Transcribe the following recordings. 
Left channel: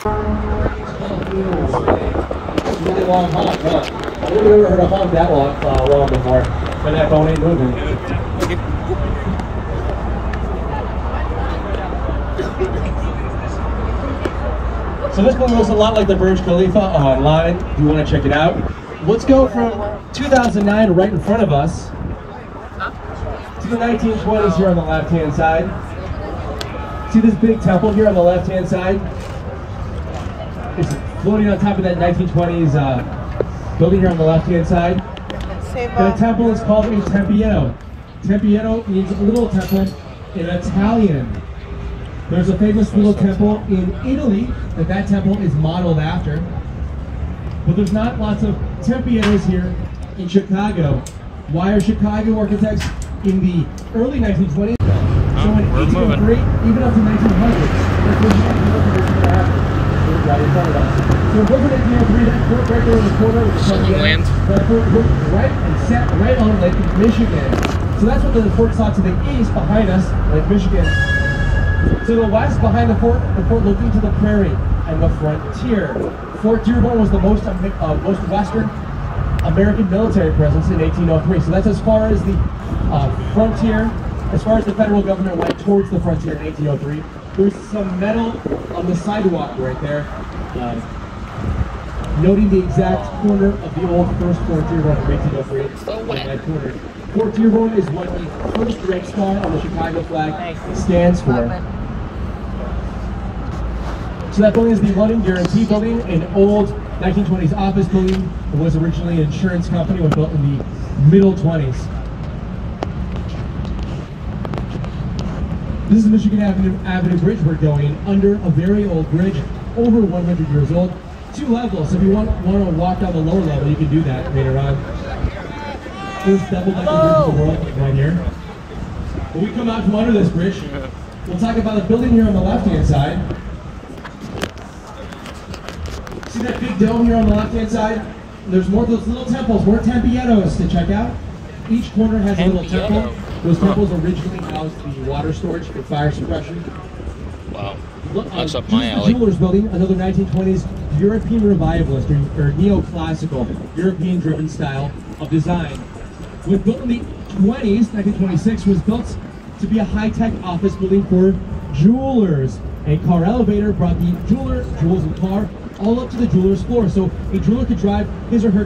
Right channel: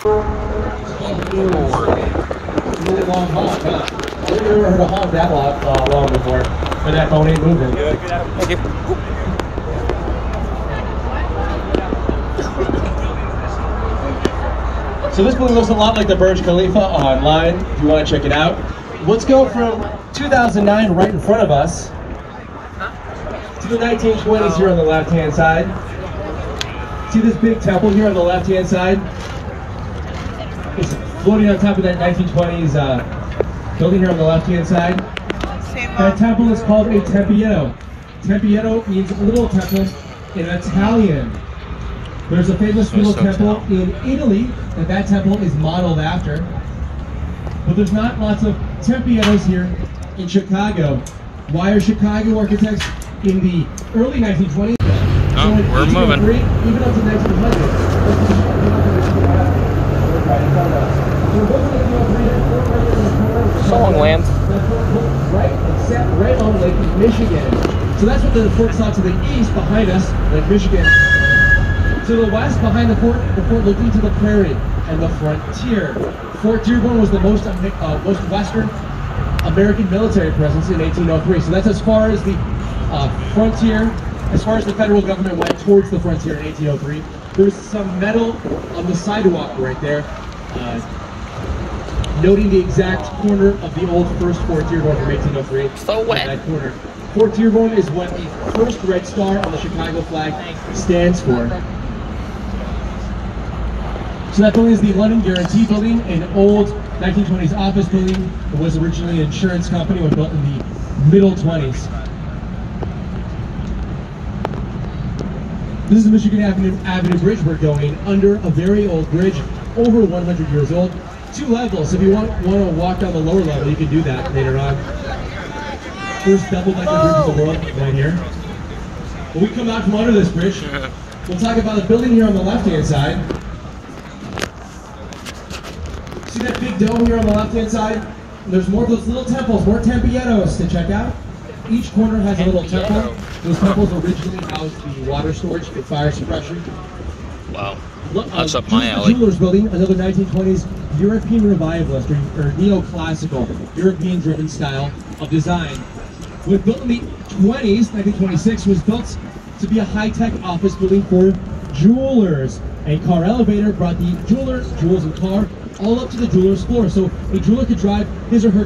It's a really long haul. No, I've never heard a haul that long before. But that bone ain't moving. Thank you. So this one looks a lot like the Burj Khalifa online, if you want to check it out. Let's go from 2009 right in front of us to the 1920s here on the left-hand side. See this big temple here on the left-hand side? It's floating on top of that 1920s building here on the left-hand side. That temple is called a Tempietto. Tempietto means little temple in Italian. There's a famous little temple in Italy that temple is modeled after. But there's not lots of Tempiettos here in Chicago. Why are Chicago architects in the early 1920s? Oh, so we're moving. Even up to 1900. Songland. That fort looked right and set right on Lake Michigan. So that's what the fort saw to the east behind us, Lake Michigan. To the west behind the fort looking to the prairie and the frontier. Fort Dearborn was the most western American military presence in 1803. So that's as far as the frontier, as far as the federal government went towards the frontier in 1803. There was some metal on the sidewalk right there, noting the exact corner of the old first Fort Dearborn from 1803. So wet. That corner. Fort Dearborn is what the first red star on the Chicago flag stands for. So that building is the London Guarantee Building, an old 1920s office building that was originally an insurance company, was built in the middle 20s. This is the Michigan Avenue Bridge. We're going under a very old bridge, over 100 years old. 2 levels. If you want to walk down the lower level, you can do that later on. First double-decker bridge in the world down here. When we come out from under this bridge, we'll talk about the building here on the left-hand side. See that big dome here on the left-hand side? There's more of those little temples, more Tempiettos to check out. Each corner has a little temple. Those temples originally housed the water storage for fire suppression. Wow, that's up my alley. The Jewelers Building, another 1920s European revivalist or neoclassical, European-driven style of design. Was built in the 20s, 1926, was built to be a high-tech office building for jewelers. A car elevator brought the jewels and car, all up to the jeweler's floor. So a jeweler could drive his or her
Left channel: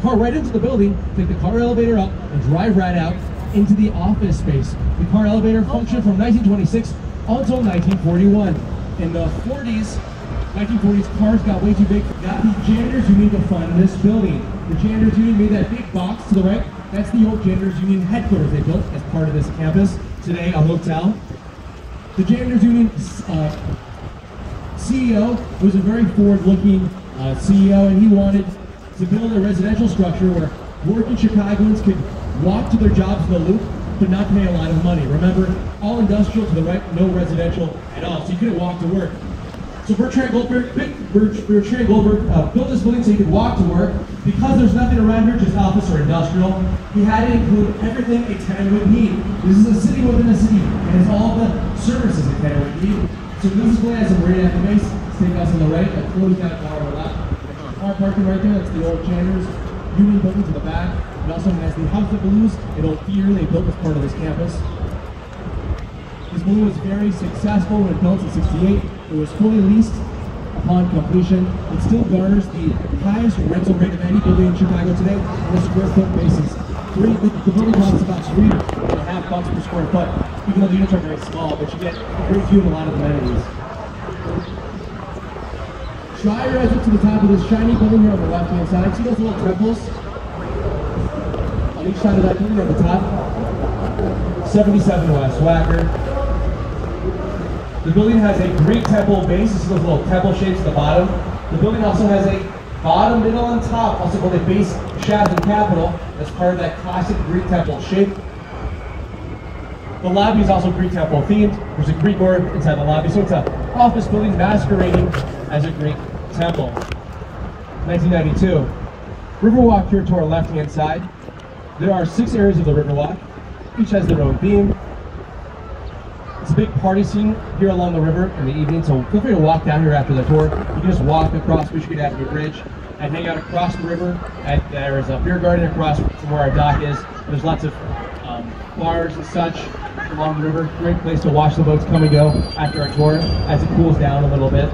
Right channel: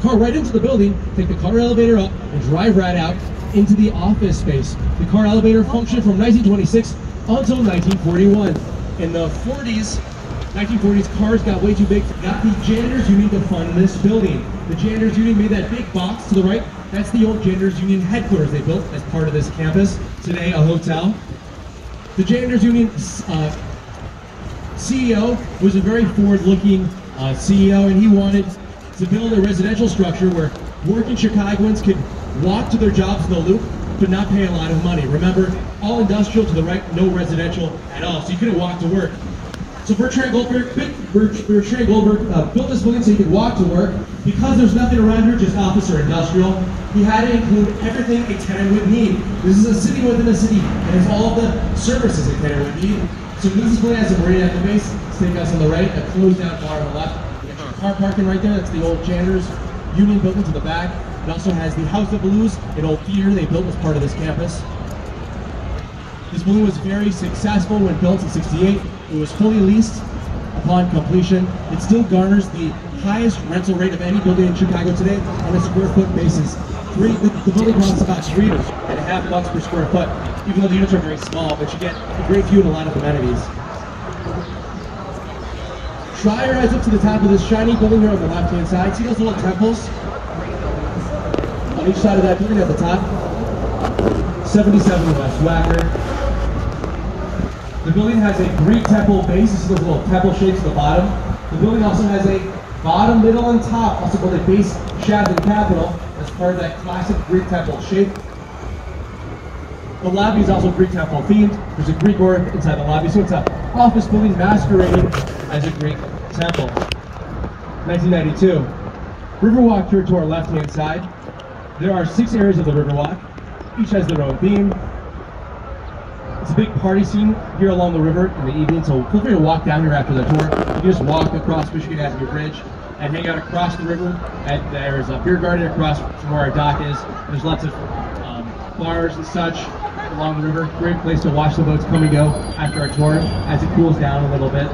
car right into the building, take the car elevator up, and drive right out into the office space. The car elevator functioned from 1926 until 1941. In the 1940s, cars got way too big. Got the janitors union to fund this building. The janitors union made that big box to the right. That's the old janitors union headquarters they built as part of this campus. Today, a hotel. The janitors union CEO was a very forward-looking CEO, and he wanted to build a residential structure where working Chicagoans could walk to their jobs in the Loop, but not pay a lot of money. Remember, all industrial to the right, no residential at all, so you couldn't walk to work. So Bertrand Goldberg built this building so he could walk to work. Because there's nothing around here, just office or industrial, he had to include everything a tenant would need. This is a city within a city. It has all of the services a tenant would need. So this building has a marina at the base, steakhouse on the right, a closed down bar on the left. Extra car parking right there, that's the old janitors union building to the back. It also has the House of Blues, an old theater they built as part of this campus. This building was very successful when built in '68. It was fully leased upon completion. It still garners the highest rental rate of any building in Chicago today on a square foot basis. The building costs about $3.50 per square foot, even though the units are very small, but you get a great view of a lot of amenities. Try your eyes up to the top of this shiny building here on the left-hand side. See those little temples? On each side of that building at the top. 77 West Wacker. The building has a Greek temple base. You see those little temple shapes at the bottom. The building also has a bottom, middle, and top, also called a base, shaft, and capital, as part of that classic Greek temple shape. The lobby is also Greek temple themed. There's a Greek word inside the lobby, so it's an office building masquerading as a Greek temple. 1992. Riverwalk here to our left-hand side. There are 6 areas of the Riverwalk. Each has their own theme. It's a big party scene here along the river in the evening, so feel free to walk down here after the tour. You can just walk across Michigan Avenue Bridge and hang out across the river. And there's a beer garden across from where our dock is. There's lots of bars and such along the river. Great place to watch the boats come and go after our tour as it cools down a little bit.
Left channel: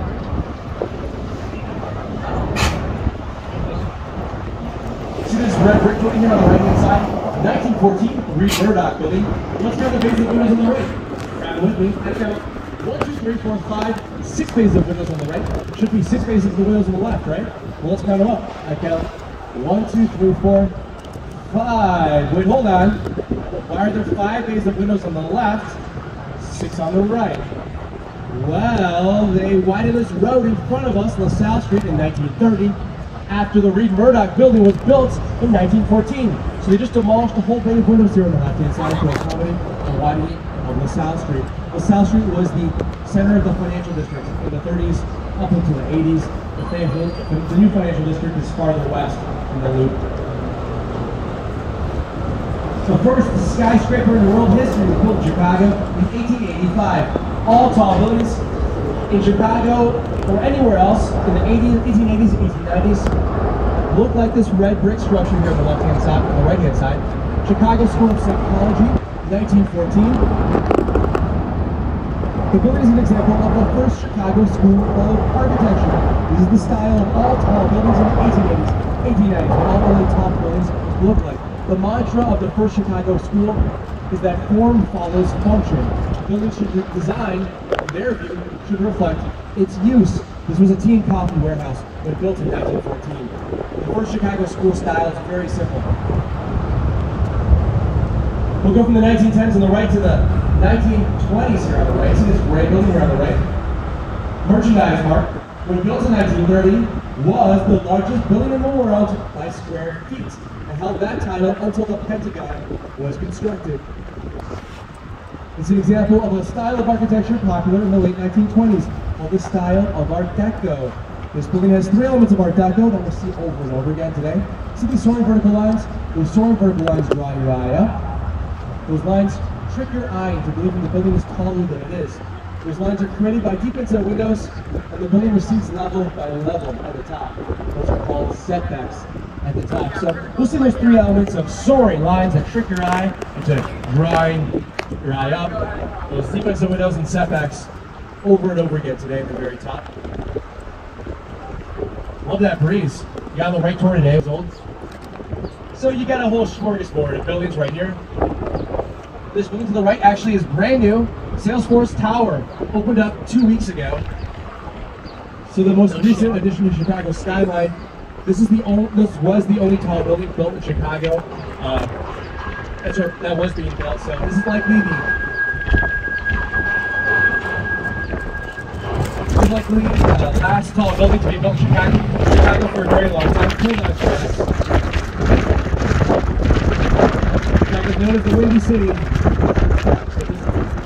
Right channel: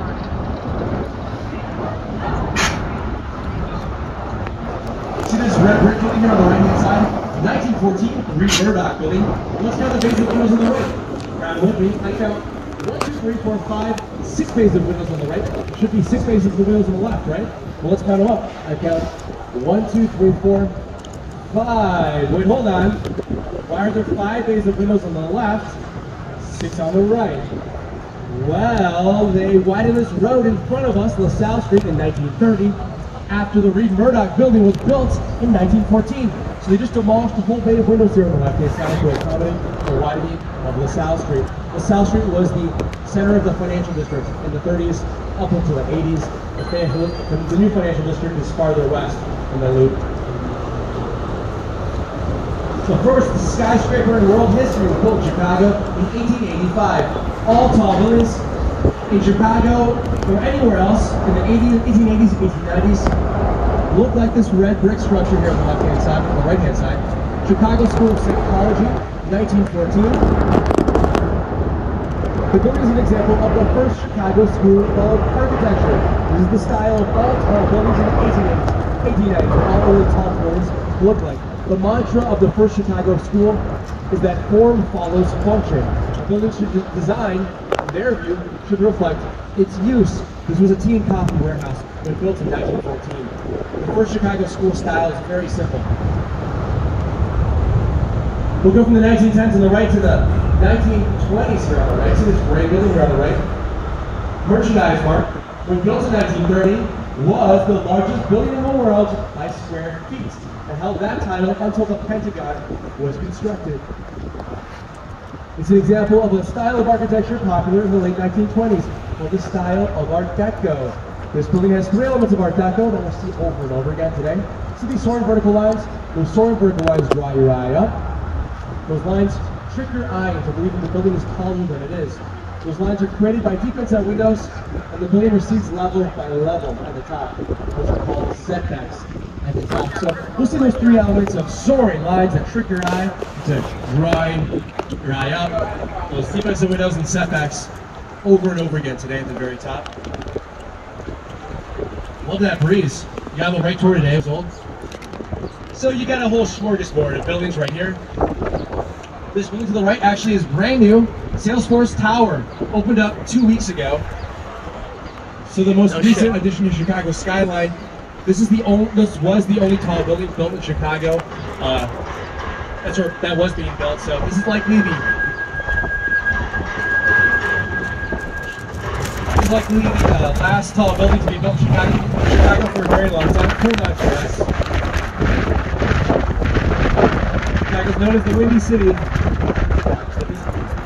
See this red brick building here on the right hand side? 1914, the Reed Murdoch building. Let's count the bays of windows on the right. Grab it with me. I count 1, 2, 3, 4, 5, 6 bays of windows on the right. Should be 6 bays of windows on the left, right? Well, let's count them up. I count 1, 2, 3, 4, 5. Wait, hold on. Why are there 5 bays of windows on the left, 6 on the right? Well, they widened this road in front of us, LaSalle Street, in 1930, after the Reed Murdoch building was built in 1914. So they just demolished the whole bay of windows here on the left-hand side to accommodate the widening of LaSalle Street. LaSalle Street was the center of the financial district in the 30s up until the 80s. The new financial district is farther west in the loop. The first skyscraper in world history was built in Chicago in 1885. All tall buildings in Chicago or anywhere else in the 1880s and 1890s look like this red brick structure here on the left-hand side, on the right-hand side. Chicago School of Psychology, 1914. The building is an example of the first Chicago School of Architecture. This is the style of all tall buildings in the 1880s, 1890s, what all early tall buildings look like. The mantra of the first Chicago school is that form follows function. A building should be designed, in their view, should reflect its use. This was a tea and coffee warehouse when built in 1914. The first Chicago school style is very simple. We'll go from the 1910s on the right to the 1920s here on the right. See this gray building here on the right? Merchandise Mart, when built in 1930, was the largest building in the world by square feet, and held that title until the Pentagon was constructed. It's an example of a style of architecture popular in the late 1920s, called the style of Art Deco. This building has 3 elements of Art Deco that we'll see over and over again today. See these soaring vertical lines? Those soaring vertical lines draw your eye up. Those lines trick your eye into believing the building is taller than it is. Those lines are created by deep inside windows, and the building recedes level by level at the top. Those are called setbacks at the top. So we'll see those 3 elements of soaring lines that trick your eye into drawing your eye up. Those deep inside windows and setbacks over and over again today at the very top. Love that breeze. You on the right tour today, old. So you got a whole smorgasbord of buildings right here. This building to the right actually is brand new. Salesforce Tower opened up 2 weeks ago. So the most recent addition to Chicago skyline. This was the only tall building built in Chicago. That was being built. So this is likely the last tall building to be built in Chicago for a very long time. Chicago's known as the Windy City.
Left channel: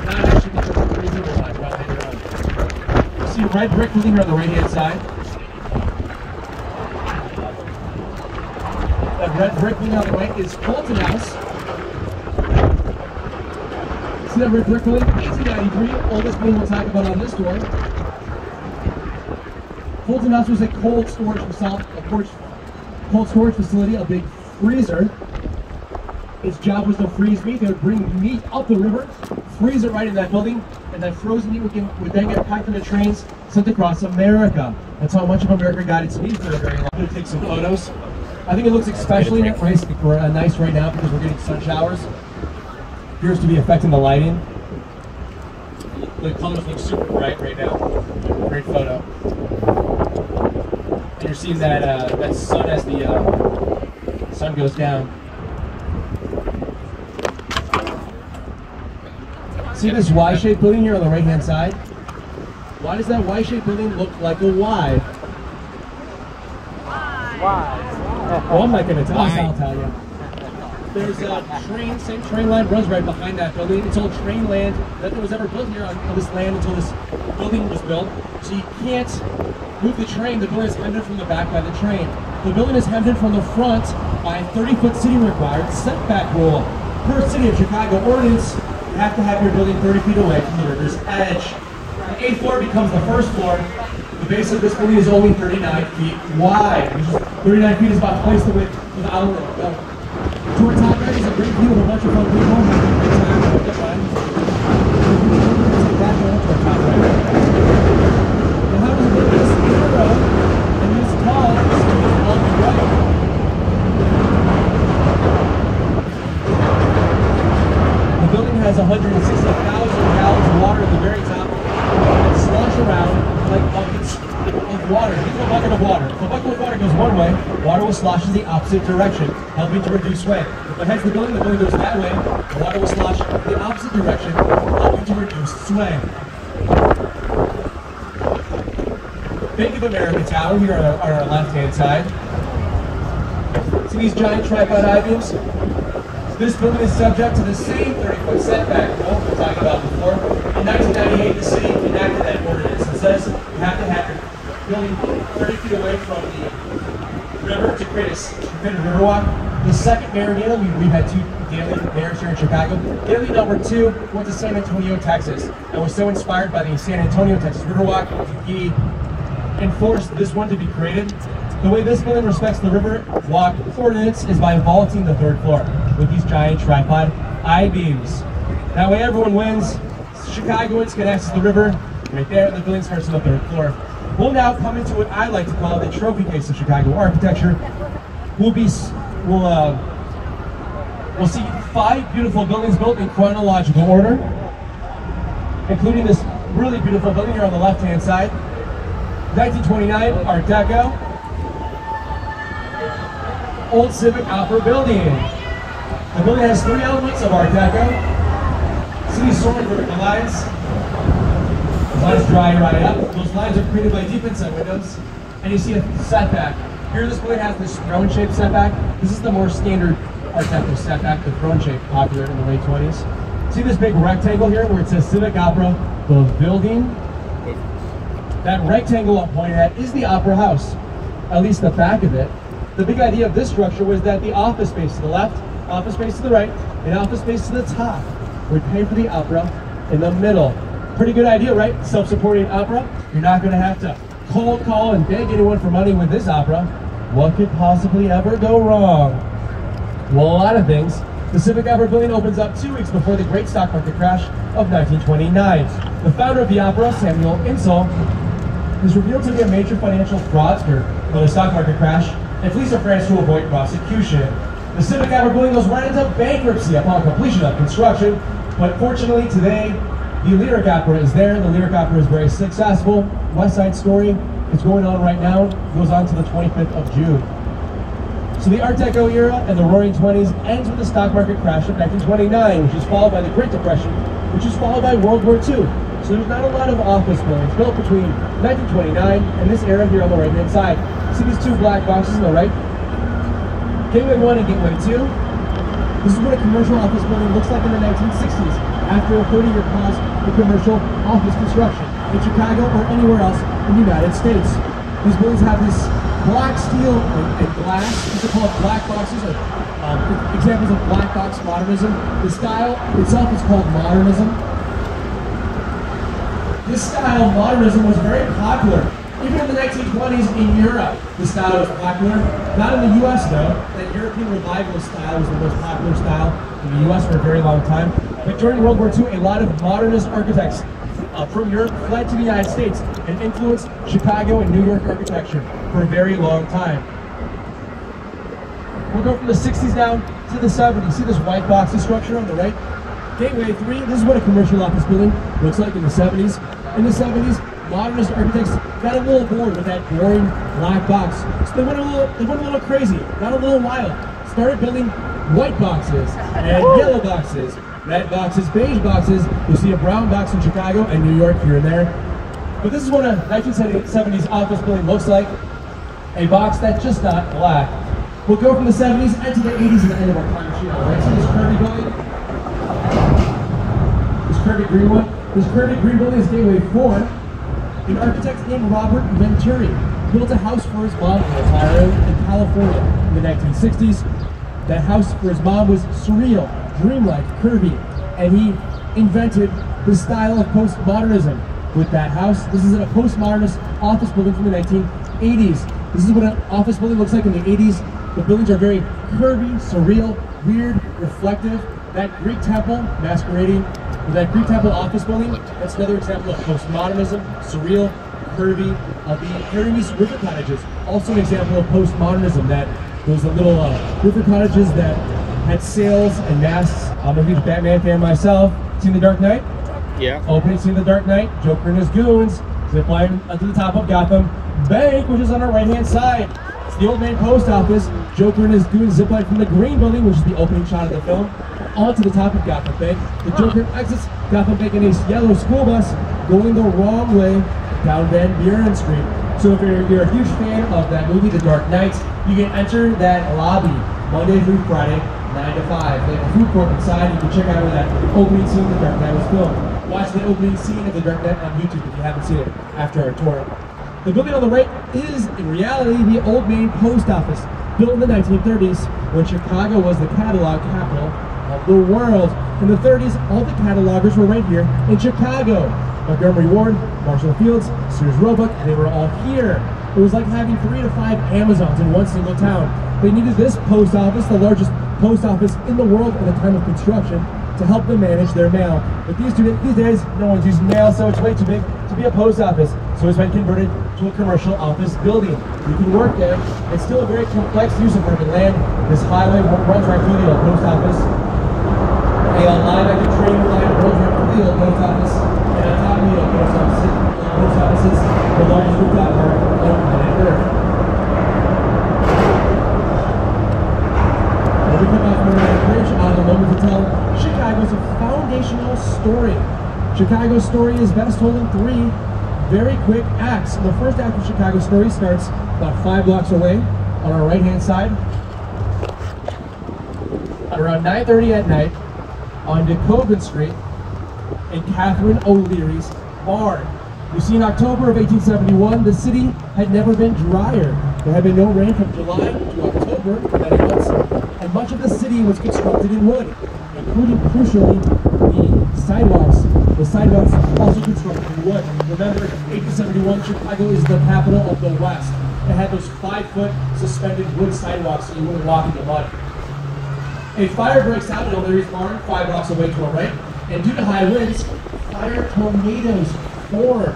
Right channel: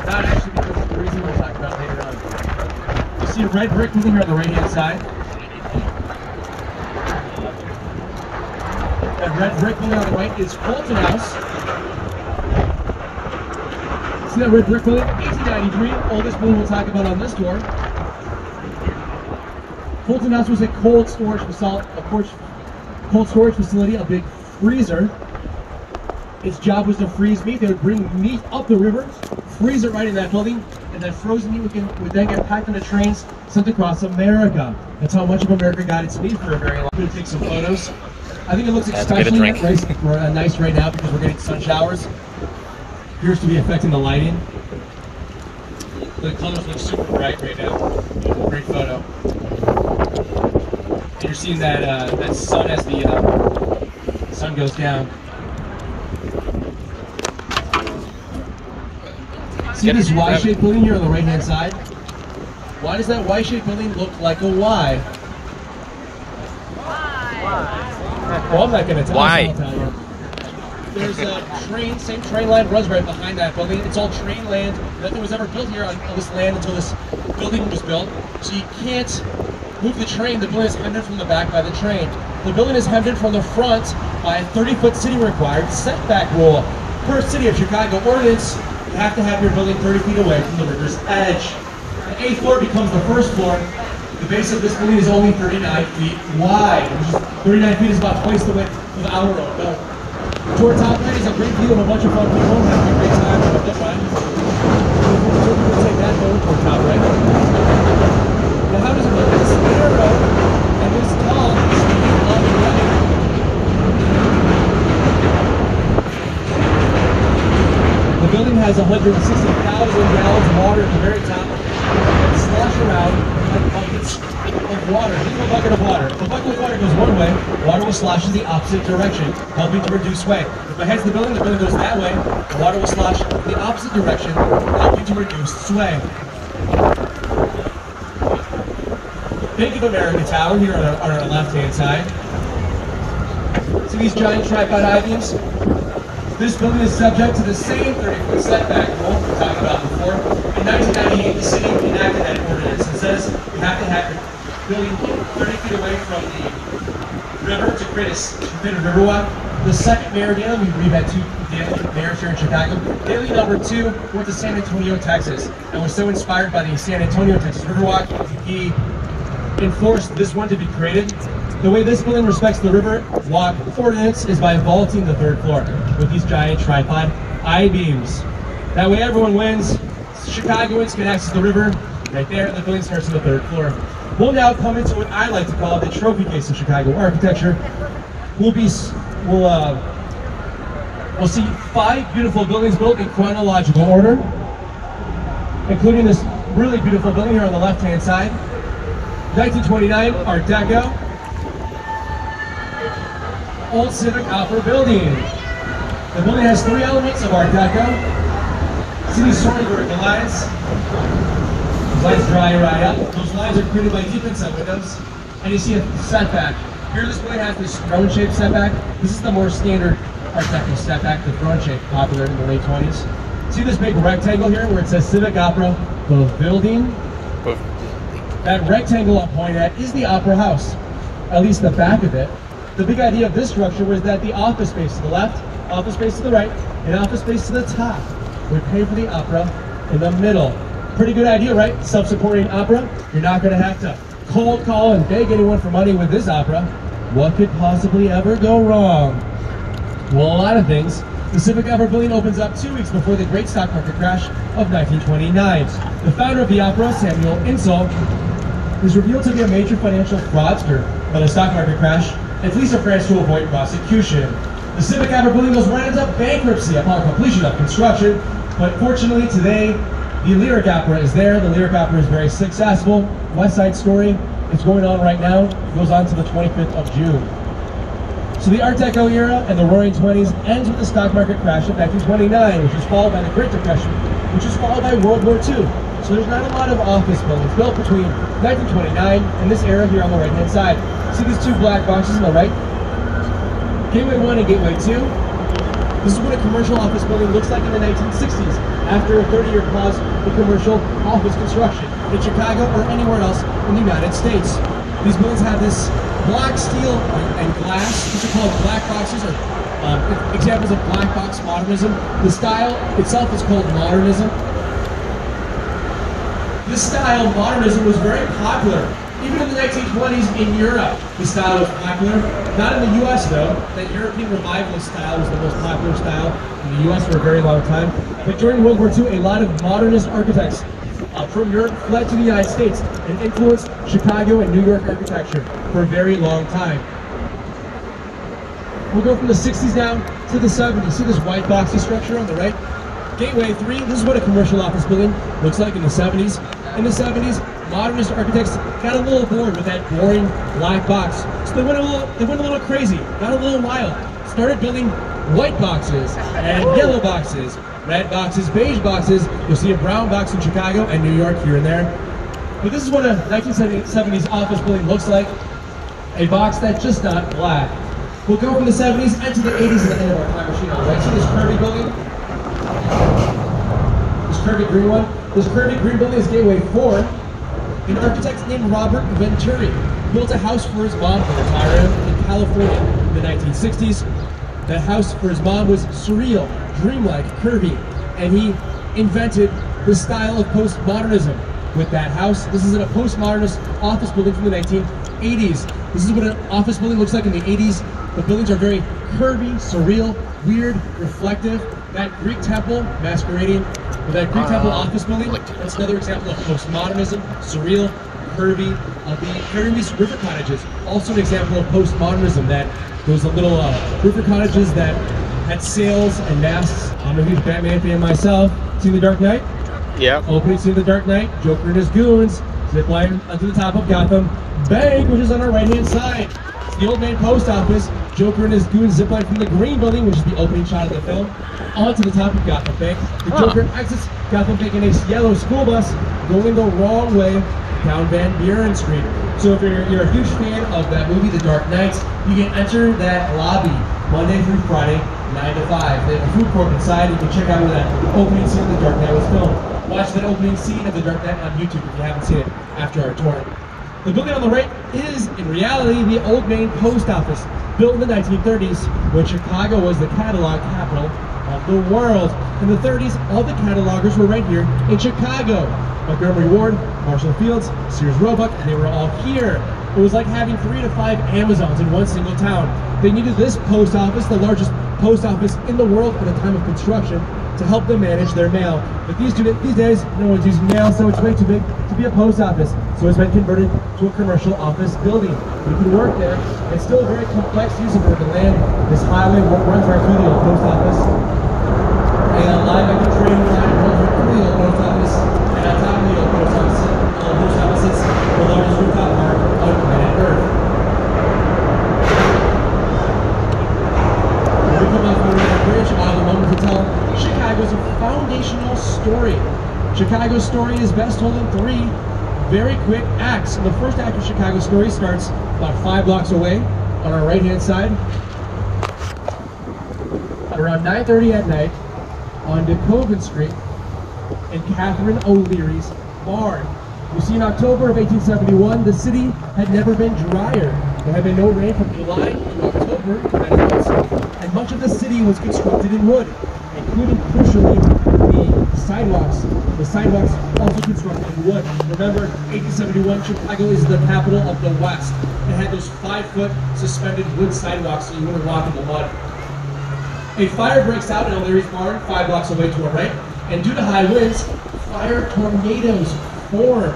Not actually because of the reason we'll talk about later on. You see a red brick building here on the right-hand side. That red brick building on the right is Fulton House. See that red brick building? 1893, oldest building we'll talk about on this tour. Fulton House was a cold storage facility, a big freezer. Its job was to freeze meat. They would bring meat up the river, freeze it right in that building, and that frozen meat would then get packed on the trains, sent across America. That's how much of America got its meat for a very long time. I'm going to take some photos. I think it looks especially nice right now because we're getting sun showers. Appears to be affecting the lighting. The colors look super bright right now. Great photo. And you're seeing that sun as the sun goes down. See this Y-shaped building here on the right-hand side? Why does that Y-shaped building look like a Y? Why? Well, I'm not going to tell you. Why? I'll tell you. There's a same train line runs right behind that building. It's all train land. Nothing was ever built here on this land until this building was built. So you can't move the train. The building is hemmed in from the back by the train. The building is hemmed in from the front by a 30-foot city required setback rule. Per City of Chicago ordinance have to have your building 30 feet away from the river's edge. The 8th floor becomes the first floor. The base of this building is only 39 feet wide, which is 39 feet is about twice the width of our road. Now, to our top right is a great view of a bunch of fun people having a good time on this side. Take that forward to our top right. Now, how does it get this narrow and this tall standing on the right? The building has 160,000 gallons of water at the very top that slosh around like buckets of water. Think of a bucket of water. If a bucket of water goes one way, water will slosh in the opposite direction, helping to reduce sway. If it heads the building goes that way, water will slosh in the opposite direction, helping to reduce sway. Bank of America Tower here on our left-hand side. See these giant tripod I-beams? This building is subject to the same 30-foot setback rule we talked about before. In 1998, the city enacted that ordinance and says you have to have your building 30 feet away from the river to create a riverwalk. The second mayor, Daley, we've had two mayors here in Chicago. Daley number 2 went to San Antonio, Texas, and was so inspired by the San Antonio, Texas Riverwalk, he enforced this one to be created. The way this building respects the river walk ordinance is by vaulting the 3rd floor with these giant tripod I-beams. That way everyone wins. Chicagoans can access the river right there, and the building starts on the 3rd floor. We'll now come into what I like to call the trophy case of Chicago architecture. We'll see 5 beautiful buildings built in chronological order, including this really beautiful building here on the left-hand side. 1929 Art Deco. Old Civic Opera building. The building has 3 elements of Art Deco. See these sort of vertical lines? Those lines dry right up. Those lines are created by deep inset windows. And you see a setback. Here this building has this throne-shaped setback. This is the more standard Art Deco setback, the throne-shaped, popular in the late 20s. See this big rectangle here where it says Civic Opera, the building? That rectangle I'm pointing at is the Opera House, at least the back of it. The big idea of this structure was that the office space to the left, office space to the right, and office space to the top would pay for the opera in the middle. Pretty good idea, right? Self-supporting opera. You're not going to have to cold call and beg anyone for money with this opera. What could possibly ever go wrong? Well, a lot of things. The Civic Opera building opens up 2 weeks before the great stock market crash of 1929. The founder of the opera, Samuel Insull, is revealed to be a major financial fraudster by the stock market crash and flees to France to avoid prosecution. The Civic Opera building goes right into bankruptcy upon completion of construction, but fortunately today, the Lyric Opera is there. The Lyric Opera is very successful. West Side Story is going on right now. It goes on to the 25th of June. So the Art Deco era and the Roaring 20s ends with the stock market crash of 1929, which was followed by the Great Depression, which was followed by World War II. So there's not a lot of office buildings built between 1929 and this era here on the right-hand side. See these 2 black boxes on the right? Gateway 1 and Gateway 2. This is what a commercial office building looks like in the 1960s, after a 30-year pause in commercial office construction in Chicago or anywhere else in the United States. These buildings have this block steel and glass. These are called black boxes, or examples of black box modernism. The style itself is called modernism. This style, modernism, was very popular. Even in the 1920s in Europe, the style was popular. Not in the US though. That European revivalist style was the most popular style in the US for a very long time. But during World War II, a lot of modernist architects from Europe fled to the United States and influenced Chicago and New York architecture for a very long time. We'll go from the 60s down to the 70s. See this white boxy structure on the right? Gateway 3, this is what a commercial office building looks like in the 70s. In the 70s, modernist architects got a little bored with that boring black box. So they went a little crazy, got a little wild. Started building white boxes and yellow boxes, red boxes, beige boxes. You'll see a brown box in Chicago and New York here and there. But this is what a 1970s office building looks like. A box that's just not black. We'll go from the 70s into the 80s at the end of our time machine. Right, see this curvy building? This curvy green one? This curvy green building is Gateway 4. An architect named Robert Venturi built a house for his mom for retiring in California in the 1960s. That house for his mom was surreal, dreamlike, curvy, and he invented the style of postmodernism with that house. This is a postmodernist office building from the 1980s. This is what an office building looks like in the 80s. The buildings are very curvy, surreal, weird, reflective. That Greek temple masquerading with that Greek temple office building, that's another example of postmodernism, surreal, curvy. The Harry's River Cottages, also an example of postmodernism, that those little river cottages that had sails and masts. I'm a huge Batman fan myself. Seen The Dark Knight? Yeah. Opening scene of The Dark Knight, Joker and his goons zip line onto the top of Gotham Bank, which is on our right-hand side. It's the Old Main Post Office. Joker and his goons zip line from the Green Building, which is the opening shot of the film, onto the top of Gotham Bank. The Joker exits Gotham Bank in a yellow school bus going the wrong way down Van Buren Street. So if you're a huge fan of that movie, The Dark Knight, you can enter that lobby Monday through Friday, 9 to 5. They have a food court inside. You can check out where that opening scene of The Dark Knight was filmed. Watch that opening scene of The Dark Knight on YouTube if you haven't seen it after our tour. The building on the right is, in reality, the Old Main Post Office, built in the 1930s when Chicago was the catalog capital of the world. In the 30s, all the catalogers were right here in Chicago. Montgomery Ward, Marshall Fields, Sears Roebuck, and they were all here. It was like having 3 to 5 Amazons in one single town. They needed this post office, the largest post office in the world at the time of construction, to help them manage their mail. But these days, no one's using mail, so it's way too big to be a post office. So it's been converted to a commercial office building. You can work there. It's still a very complex use of urban land. This highway runs right through the old post office. A line of the train line runs right through the old post office. And on top of the old post office is the largest rooftop park on planet Earth. When we come off one of that bridge, I'll have a moment to tell Chicago's a foundational story. Chicago's story is best told in 3 very quick acts. And the first act of Chicago's story starts about 5 blocks away on our right-hand side. At around 9:30 at night on DeKoven Street in Catherine O'Leary's barn. You see, in October of 1871, the city had never been drier. There had been no rain from July to October for many months, and much of the city was constructed in wood, including, crucially, the sidewalks. The sidewalks also constructed in wood. Remember, 1871, Chicago is the capital of the West. It had those 5-foot suspended wood sidewalks so you wouldn't walk in the mud. A fire breaks out in O'Leary's barn, 5 blocks away to our right, and due to high winds, fire tornadoes form.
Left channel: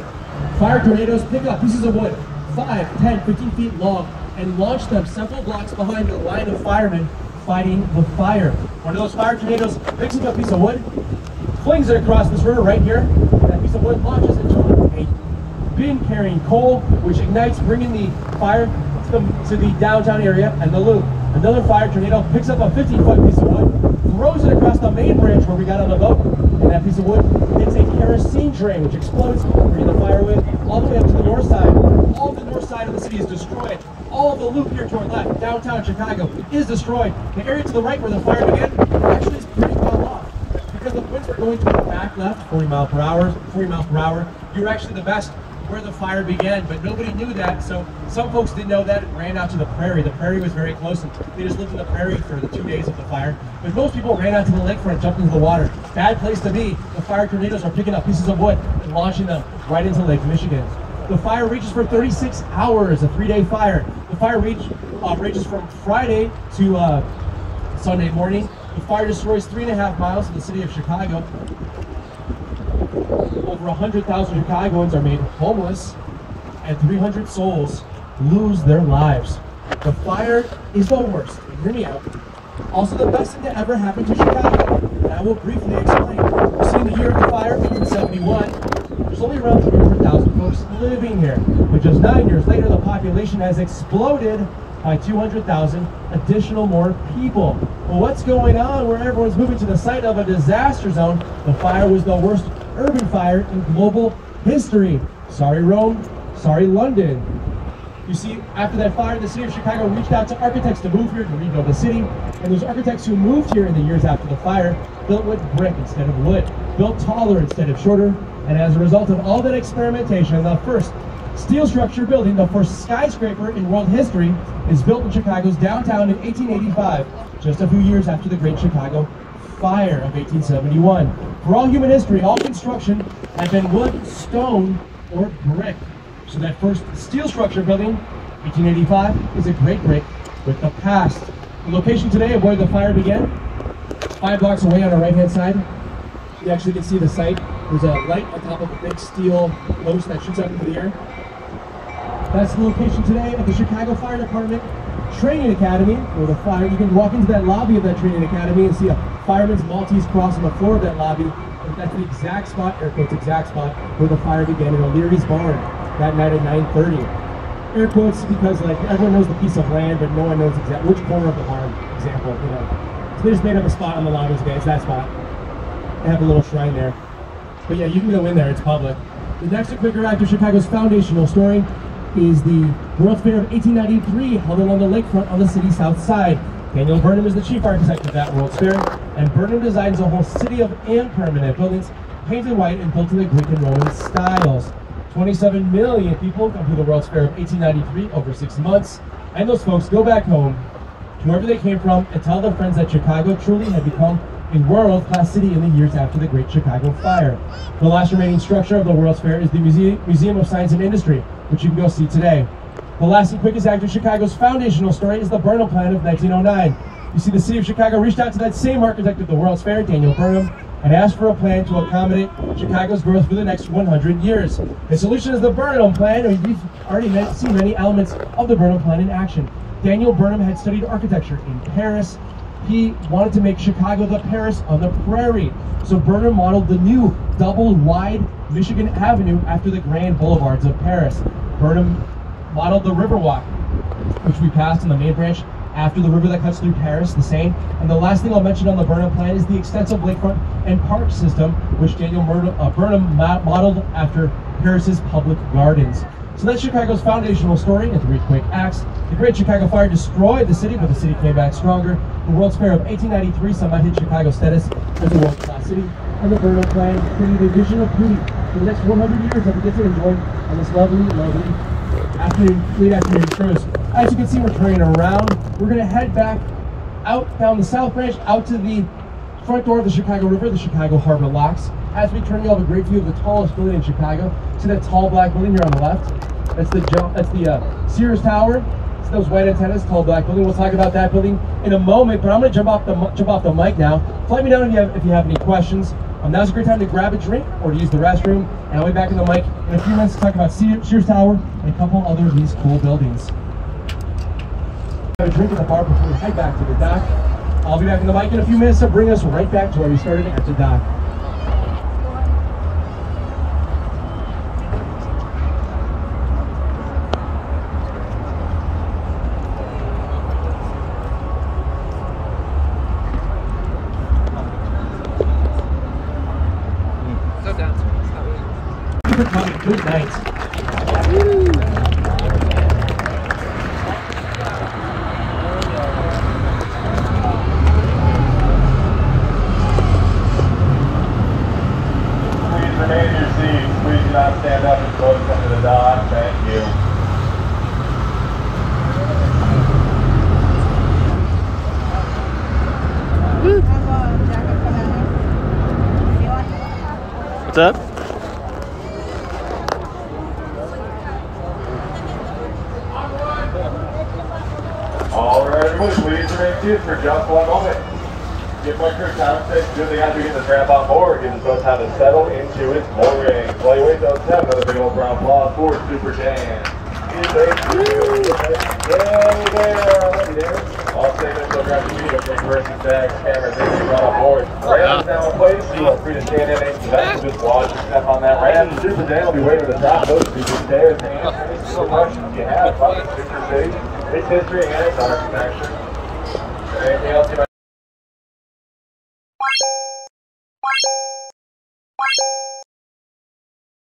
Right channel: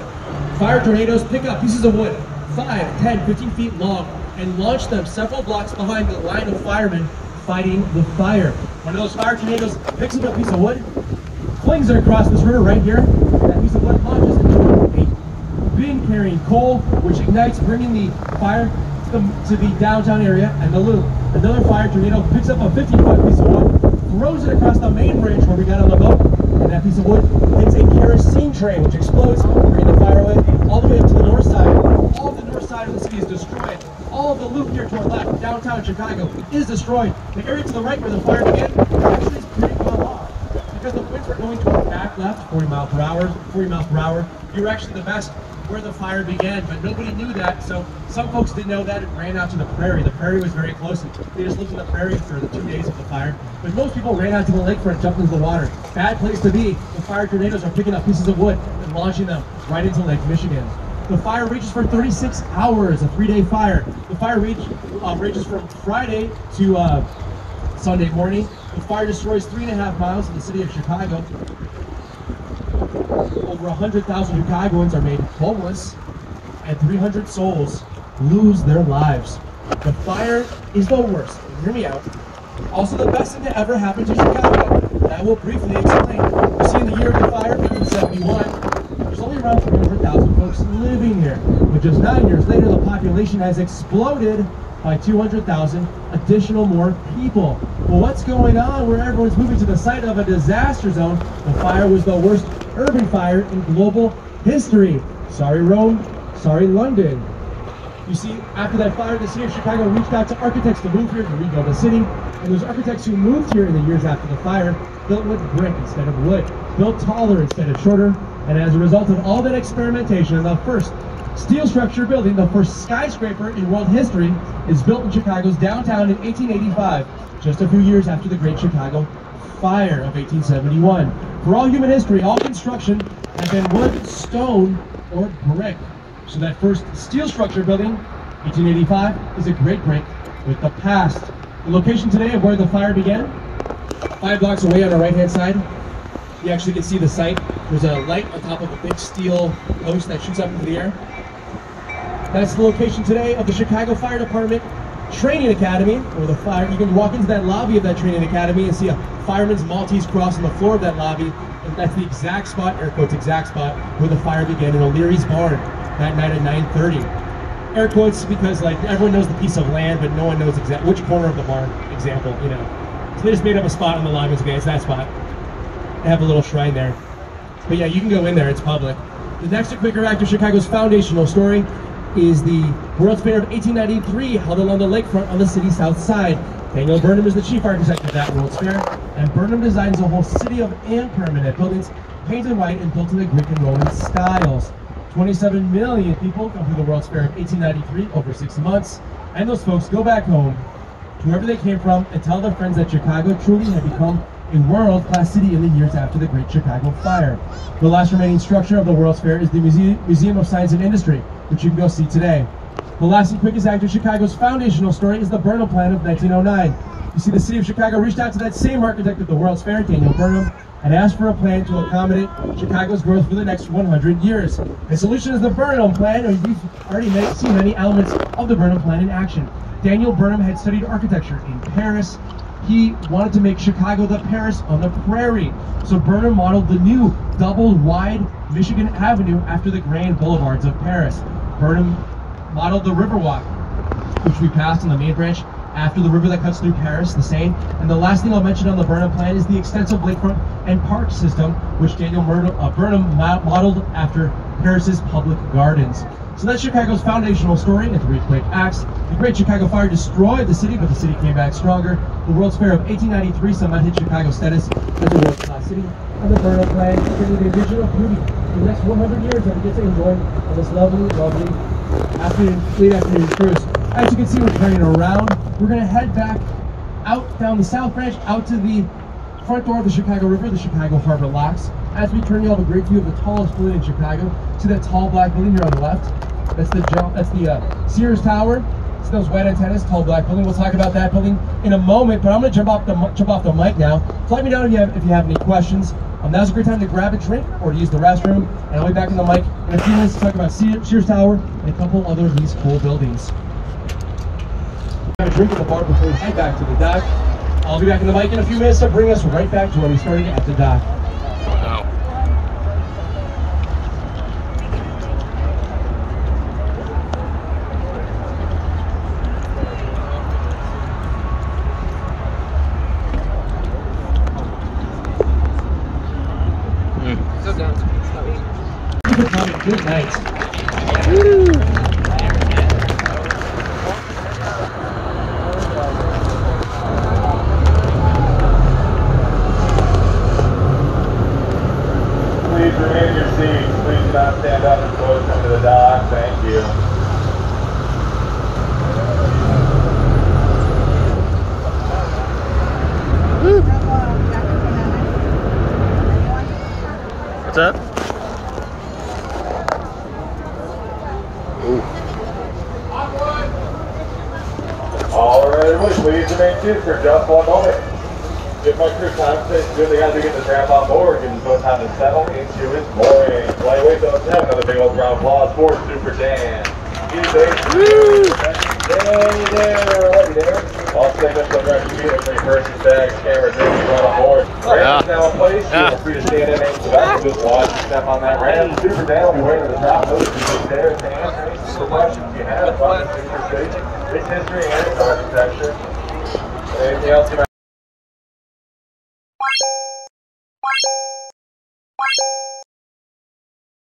Fire tornadoes pick up pieces of wood, 5, 10, 15 feet long, and launch them several blocks behind the line of firemen fighting the fire. One of those fire tornadoes picks up a piece of wood, flings it across this river right here, and that piece of wood launches into a bin carrying coal, which ignites, bringing the fire to the downtown area and the loop. Another fire tornado picks up a 15-foot piece of wood, throws it across the main bridge where we got on the boat, and that piece of wood hits a kerosene train, which explodes, bringing the fire away all the way up to the north side. All the north side of the city is destroyed. All of the loop here to our left, downtown Chicago, is destroyed. The area to the right where the fire began actually is pretty well off, because the winds were going to the back left, 40 miles per hour. You were actually the best where the fire began, but nobody knew that, so some folks didn't know that and ran out to the prairie. The prairie was very close, and they just lived in the prairie for the 2 days of the fire. But most people ran out to the lakefront, jumped into the water. Bad place to be. The fire tornadoes are picking up pieces of wood and launching them right into Lake Michigan. The fire rages for 36 hours, a 3-day fire. The fire rages from Friday to Sunday morning. The fire destroys 3.5 miles in the city of Chicago. Over 100,000 Chicagoans are made homeless, and 300 souls lose their lives. The fire is the worst. Hear me out. Also the best thing to ever happen to Chicago, and I will briefly explain. You see, in the year of the fire, 1871, there's only around 300,000 folks living here. But just 9 years later, the population has exploded by 200,000 additional more people. Well, what's going on where everyone's moving to the site of a disaster zone? The fire was the worst urban fire in global history. Sorry, Rome. Sorry, London. You see, after that fire, the city of Chicago reached out to architects to move here to rebuild the city. And those architects who moved here in the years after the fire built with brick instead of wood, built taller instead of shorter. And as a result of all that experimentation, the first steel structure building, the first skyscraper in world history, is built in Chicago's downtown in 1885, just a few years after the Great Chicago Fire of 1871. For all human history, all construction had been wood, stone, or brick. So that first steel structure building, 1885, is a great break with the past. The location today of where the fire began, 5 blocks away on the right-hand side. You actually can see the site. There's a light on top of a big steel post that shoots up into the air. That's the location today of the Chicago Fire Department Training Academy, where the fire, you can walk into that lobby of that training academy and see a fireman's Maltese cross on the floor of that lobby. And that's the exact spot, air quotes, exact spot where the fire began in O'Leary's barn that night at 9:30. Air quotes because like everyone knows the piece of land, but no one knows exactly which corner of the barn, example, you know. So they just made up a spot on the lobby. Okay, it's that spot. They have a little shrine there. But yeah, you can go in there, it's public. The next Quaker Act of Chicago's foundational story is the World's Fair of 1893, held along the lakefront on the city's south side. Daniel Burnham is the chief architect of that World's Fair, and Burnham designs a whole city of permanent buildings painted white and built in the Greek and Roman styles. 27 million people come to the World's Fair of 1893 over 6 months, and those folks go back home to wherever they came from and tell their friends that Chicago truly had become a world-class city in the years after the Great Chicago Fire. The last remaining structure of the World's Fair is the Museum of Science and Industry, which you can go see today. The last and quickest act of Chicago's foundational story is the Burnham Plan of 1909. You see, the city of Chicago reached out to that same architect of the World's Fair, Daniel Burnham, and asked for a plan to accommodate Chicago's growth for the next 100 years. The solution is the Burnham Plan, and you've already seen many elements of the Burnham Plan in action. Daniel Burnham had studied architecture in Paris. He wanted to make Chicago the Paris on the prairie. So Burnham modeled the new double-wide Michigan Avenue after the grand boulevards of Paris. Burnham modeled the Riverwalk, which we passed on the main branch after the river that cuts through Paris, the Seine. And the last thing I'll mention on the Burnham Plan is the extensive lakefront and park system, which Daniel Burnham modeled after Paris's public gardens. So that's Chicago's foundational story in 3 quick acts. The Great Chicago Fire destroyed the city, but the city came back stronger. The World's Fair of 1893 cemented Chicago's status as a world-class city. And the Burnham Plan created a vision of beauty for the next 100 years that we get to enjoy on this lovely, lovely late afternoon cruise. As you can see, we're turning around. We're going to head back out down the South Branch, out to the front door of the Chicago River, the Chicago Harbor Locks. As we turn, you'll have a great view of the tallest building in Chicago. See that tall black building here on the left? That's the Sears Tower. See those white antennas, tall black building. We'll talk about that building in a moment, but I'm going to jump off the mic now. So let me know if you have any questions. Now's a great time to grab a drink or to use the restroom, and I'll be back in the mic in a few minutes to talk about Sears Tower and a couple other of these cool buildings. Have a drink at the bar before we head back to the dock. I'll be back in the mic in a few minutes to bring us right back to where we started at the dock. Good night. Woo. Please remain in your seats. Please do not stand up as close come to the dock. Thank you. Woo. What's up? All right, everybody, please remain seated for just one moment. Give my crew time to quickly as we get the ramp on board, give us both time to settle into its moorings. While you wait, don't have another big old round of applause for Super Dan. I'll take up the rest of you with 3 persons, bags, cameras, everything on board. Ramp is now in place. You are free to stand in next to that. Just watch and step on that ramp. Super Dan will be waiting to the top of the stairs to answer any questions you have about the Super City, its history, and its architecture. Anything else you might